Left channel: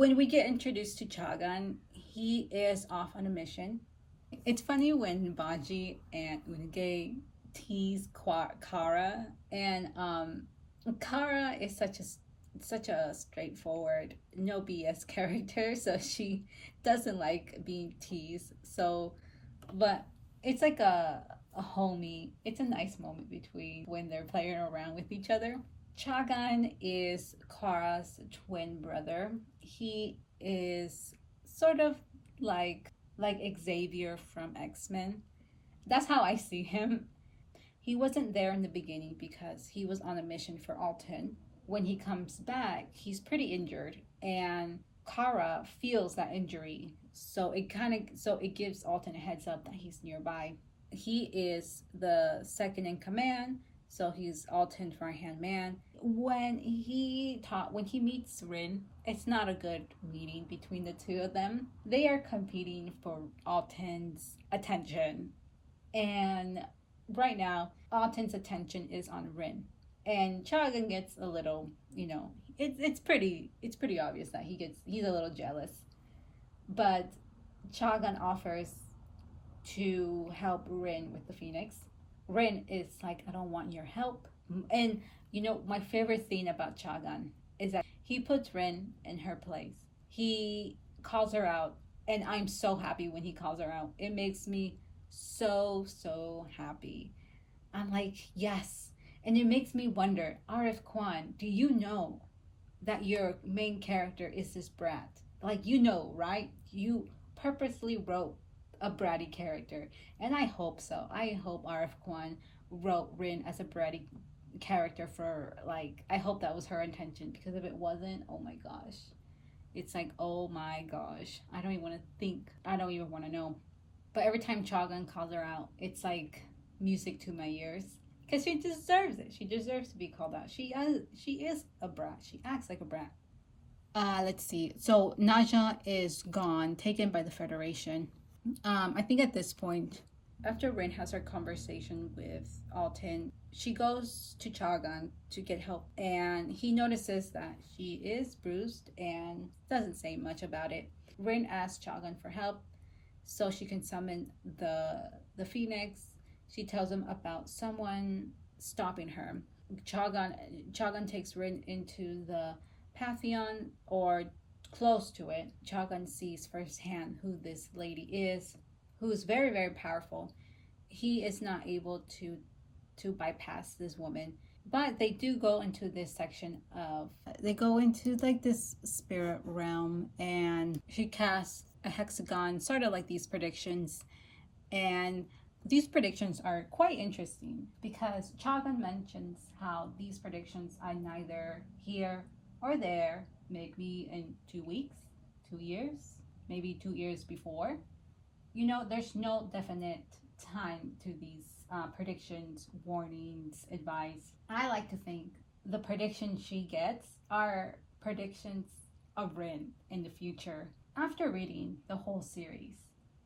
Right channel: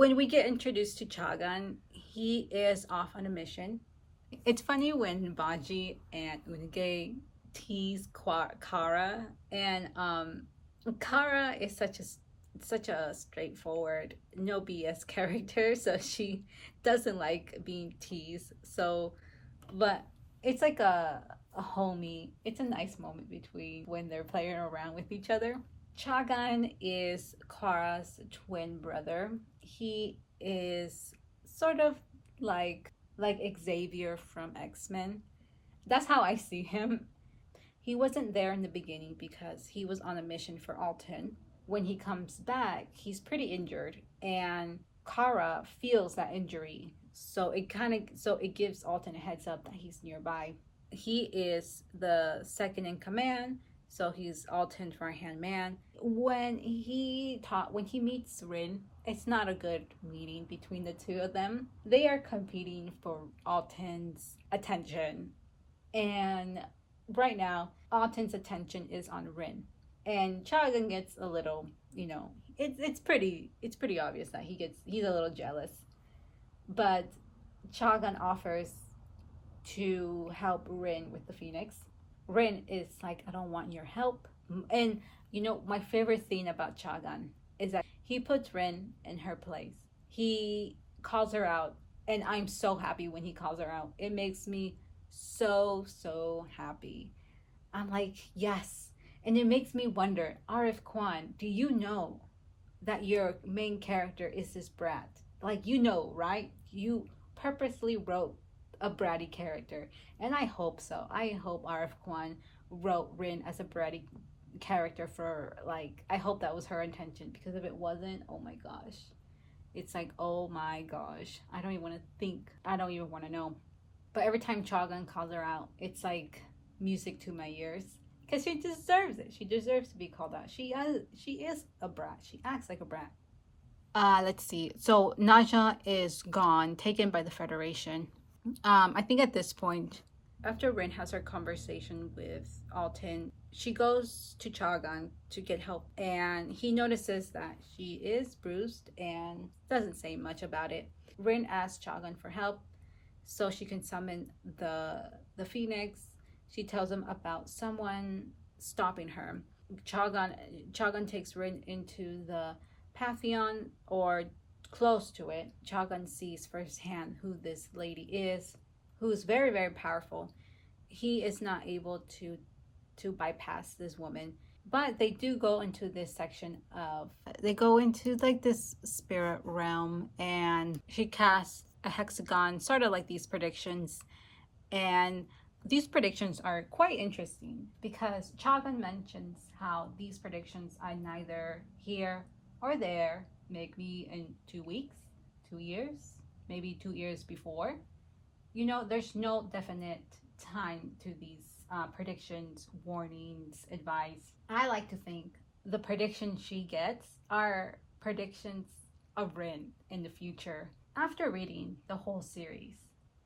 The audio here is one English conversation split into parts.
When we get introduced to Chaghan, he is off on a mission. It's funny when Baji and Unge tease Kara, and Kara is such a straightforward, no BS character, so she doesn't like being teased. So, but it's like a homie. It's a nice moment between when they're playing around with each other. Chagan is Kara's twin brother. He is sort of like Xavier from X-Men. That's how I see him. He wasn't there in the beginning because he was on a mission for Alton. When he comes back, he's pretty injured, and Kara feels that injury. So it gives Alton a heads up that he's nearby. He is the second in command, so he's Alton's right hand man. When he meets Rin, it's not a good meeting between the two of them. They are competing for Alton's attention, and right now Alton's attention is on Rin. And Chagan gets a little, it's pretty obvious that he's a little jealous. But Chagan offers to help Rin with the Phoenix. Rin is like, I don't want your help. And my favorite thing about Chagan is that he puts Rin in her place. He calls her out, and I'm so happy when he calls her out. It makes me so happy. I'm like, yes. And it makes me wonder, RF Kwan, do you know that your main character is this brat? Like, right? You purposely wrote a bratty character. And I hope so. I hope RF Kwan wrote Rin as a bratty character I hope that was her intention, because if it wasn't, oh my gosh. It's like, oh my gosh. I don't even want to think. I don't even want to know. But every time Chagan calls her out, it's like music to my ears. Because she deserves it. She deserves to be called out. She is a brat. She acts like a brat. Let's see. So Naja is gone, taken by the Federation. I think at this point, after Rin has her conversation with Alton, she goes to Chagan to get help, and he notices that she is bruised and doesn't say much about it. Rin asks Chagan for help so she can summon the Phoenix. She tells him about someone stopping her. Chagan takes Rin into the Pantheon, or close to it. Chagan sees firsthand who this lady is, who's very, very powerful. He is not able to bypass this woman. But they do go into this section they go into like this spirit realm, and she casts a hexagon, sort of like these predictions. And these predictions are quite interesting because Chagan mentions how these predictions are neither here or there, maybe in 2 weeks, 2 years, maybe 2 years before. There's no definite time to these predictions, warnings, advice. I like to think the predictions she gets are predictions of Rin in the future. After reading the whole series,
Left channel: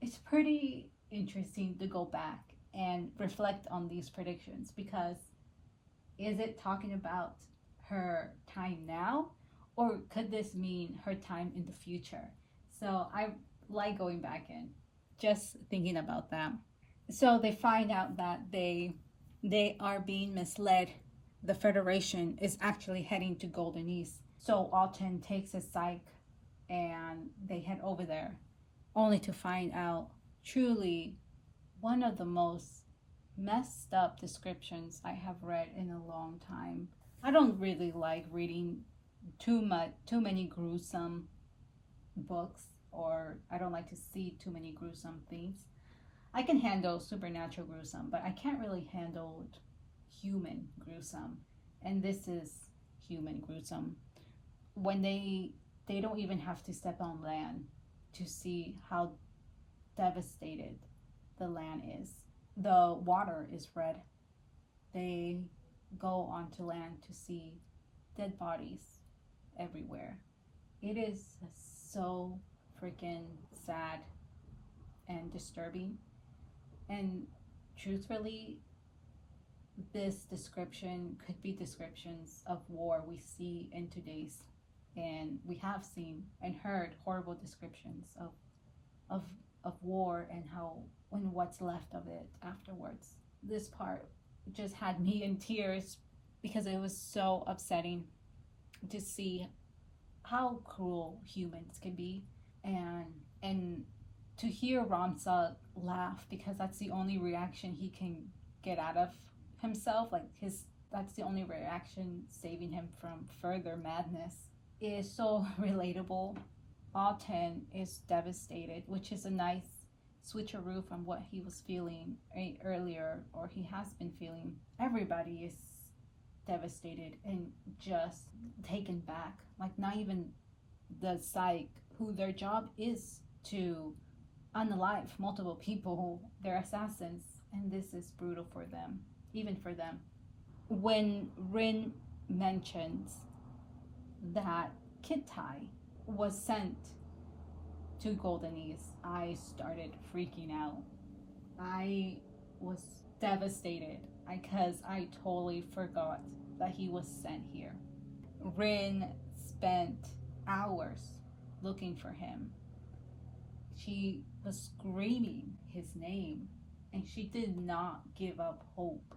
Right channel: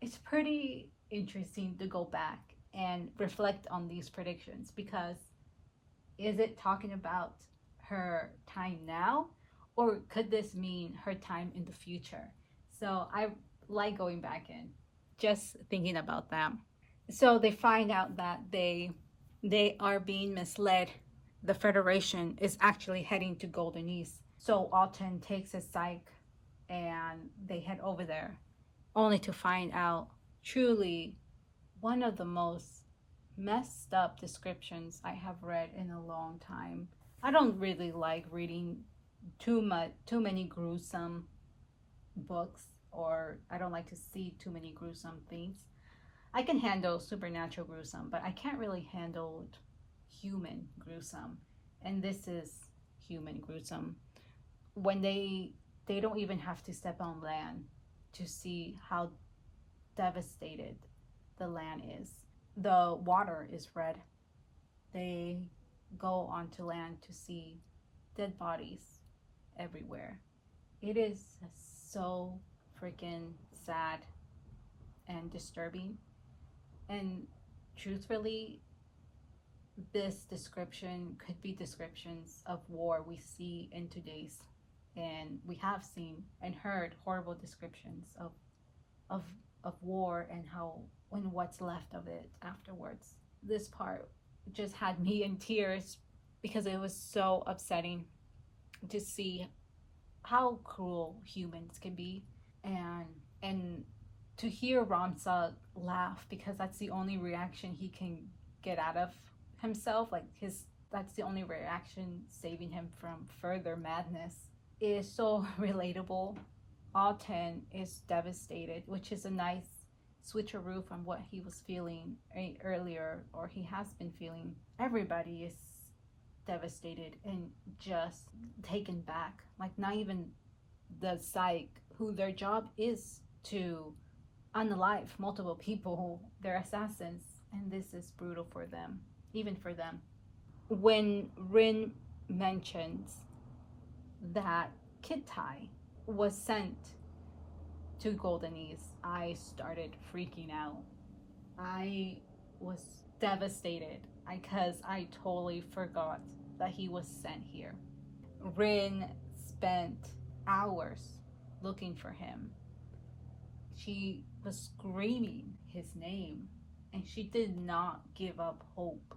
it's pretty interesting to go back and reflect on these predictions, because is it talking about her time now, or could this mean her time in the future? So I like going back and just thinking about that. So they find out that they are being misled. The Federation is actually heading to Golden Niis. So Alton takes his psych and they head over there, only to find out truly one of the most messed up descriptions I have read in a long time. I don't really like reading too many gruesome books, or I don't like to see too many gruesome things. I can handle supernatural gruesome, but I can't really handle human gruesome. And this is human gruesome. When they don't even have to step on land to see how devastated the land is. The water is red. They go onto land to see dead bodies everywhere. It is so freaking sad and disturbing. And truthfully, this description could be descriptions of war we see in today's and we have seen and heard horrible descriptions of of war and how and what's left of it afterwards. This part just had me in tears because it was so upsetting to see how cruel humans can be, and and to hear Ramsa laugh because that's the only reaction he can get out of himself, like his that's the only reaction saving him from further madness, is so relatable. Alton is devastated, which is a nice switcheroo from what he was feeling earlier, or he has been feeling. Everybody is devastated and just taken back. Like, not even the psych, who their job is to unalive multiple people who they're assassins, and this is brutal for them, even for them. When Rin mentions that Kittai was sent to Golden Niis, I started freaking out. I was devastated because I totally forgot that he was sent here. Rin spent hours looking for him. She was screaming his name, and she did not give up hope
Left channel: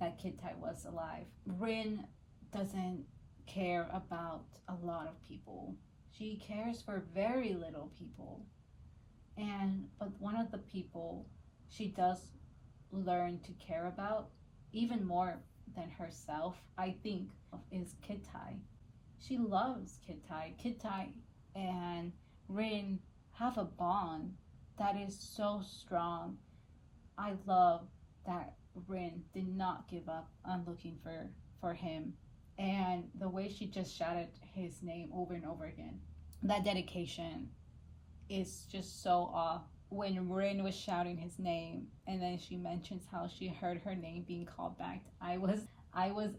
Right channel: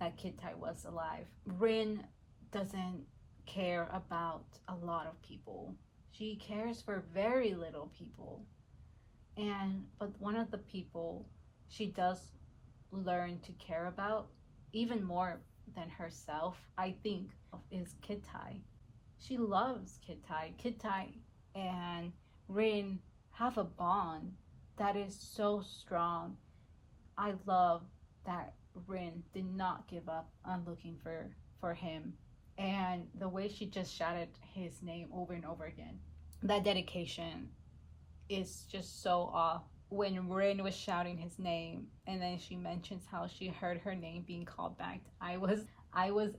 that Kittai was alive. Rin doesn't care about a lot of people. She cares for very little people. But one of the people she does learn to care about, even more than herself, I think, is Kittai. She loves Kittai. Kittai and Rin have a bond that is so strong. I love that Rin did not give up on looking for him, and the way she just shouted his name over and over again. That dedication is just so awe. When Rin was shouting his name, and then she mentions how she heard her name being called back, I was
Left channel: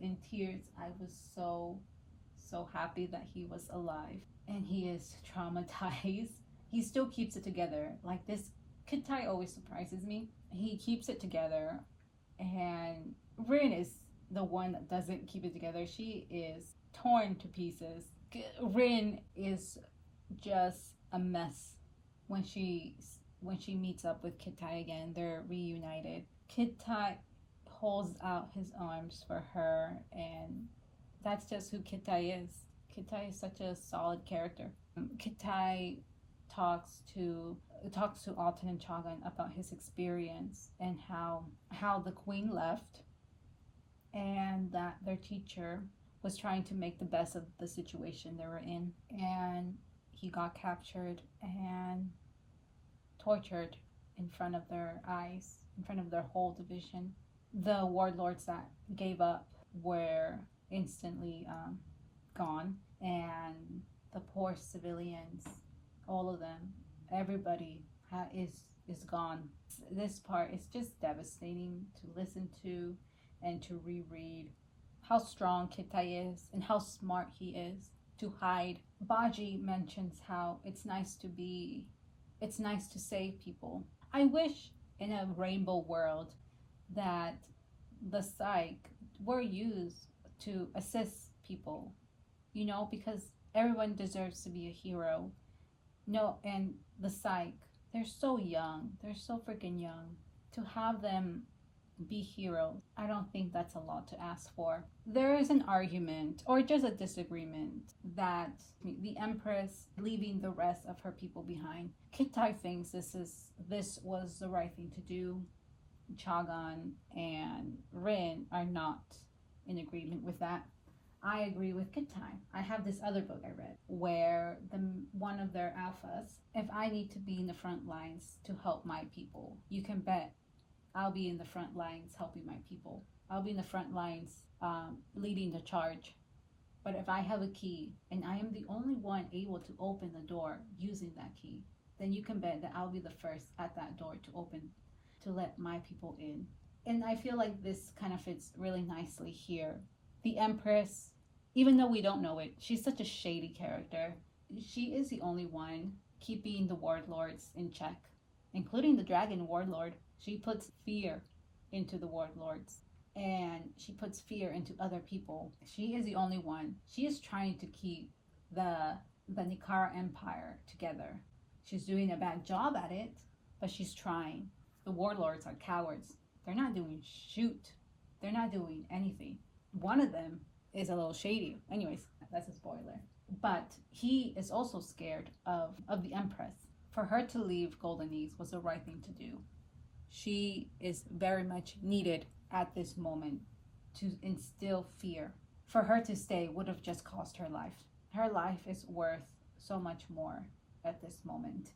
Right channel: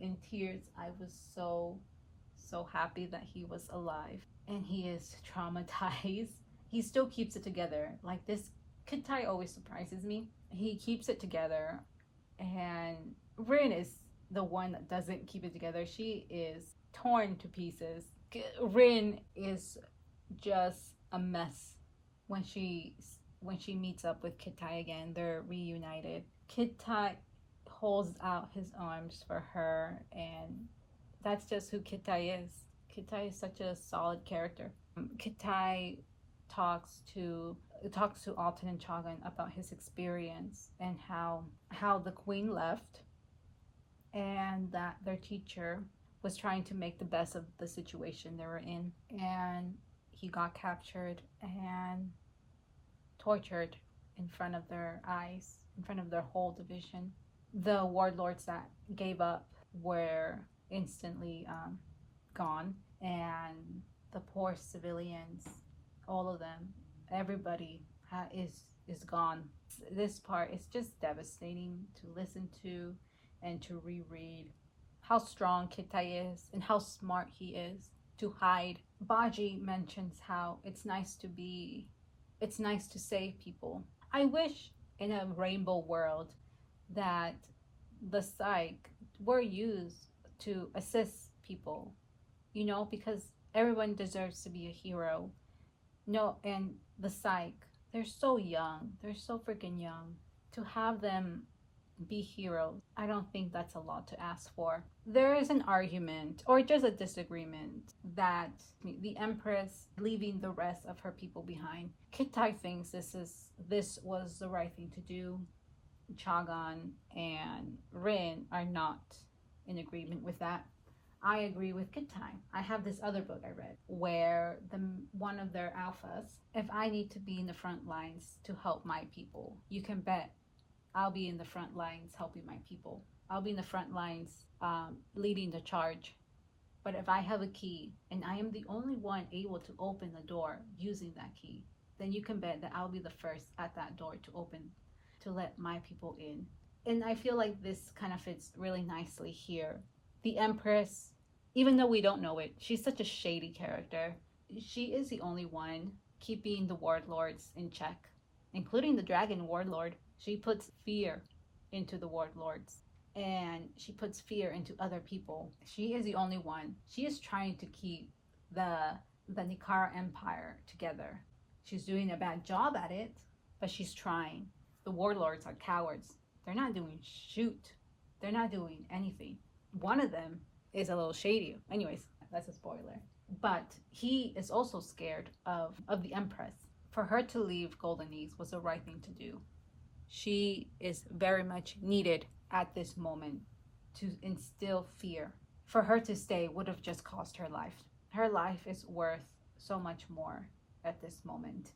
in tears. I was so happy that he was alive, and he is traumatized. He still keeps it together. Like, this Kittai always surprises me. He keeps it together, and Rin is the one that doesn't keep it together. She is torn to pieces. Rin is just a mess when she meets up with Kittai again. They're reunited. Kittai holds out his arms for her, and that's just who Kittai is. Kittai is such a solid character. Kittai talks to Alton and Chaghan about his experience and how the queen left, and that their teacher was trying to make the best of the situation they were in, and he got captured and tortured in front of their eyes, in front of their whole division. The warlords that gave up were instantly gone, and the poor civilians, all of them, everybody is gone. This part is just devastating to listen to and to reread. How strong Kittai is and how smart he is to hide. Baji mentions how it's nice to save people. I wish in a rainbow world that the psych were used to assist people, because everyone deserves to be a hero. No, and the psych, they're so young. They're so freaking young. To have them be heroes, I don't think that's a lot to ask for. There is an argument, or just a disagreement, that the Empress leaving the rest of her people behind. Kittai thinks this was the right thing to do. Chaghan and Rin are not in agreement with that. I agree with Kittai. I have this other book I read where one of their alphas, if I need to be in the front lines to help my people, you can bet I'll be in the front lines helping my people. I'll be in the front lines leading the charge. But if I have a key and I am the only one able to open the door using that key, then you can bet that I'll be the first at that door to let my people in. And I feel like this kind of fits really nicely here. The Empress, even though we don't know it, she's such a shady character. She is the only one keeping the warlords in check, including the dragon warlord. She puts fear into the warlords, and she puts fear into other people. She is the only one. She is trying to keep the Nikara Empire together. She's doing a bad job at it, but she's trying. The warlords are cowards. They're not doing shoot. They're not doing anything. One of them is a little shady. Anyways, that's a spoiler. But he is also scared of the Empress. For her to leave Golden Niis was the right thing to do. She is very much needed at this moment to instill fear. For her to stay would have just cost her life. Her life is worth so much more at this moment.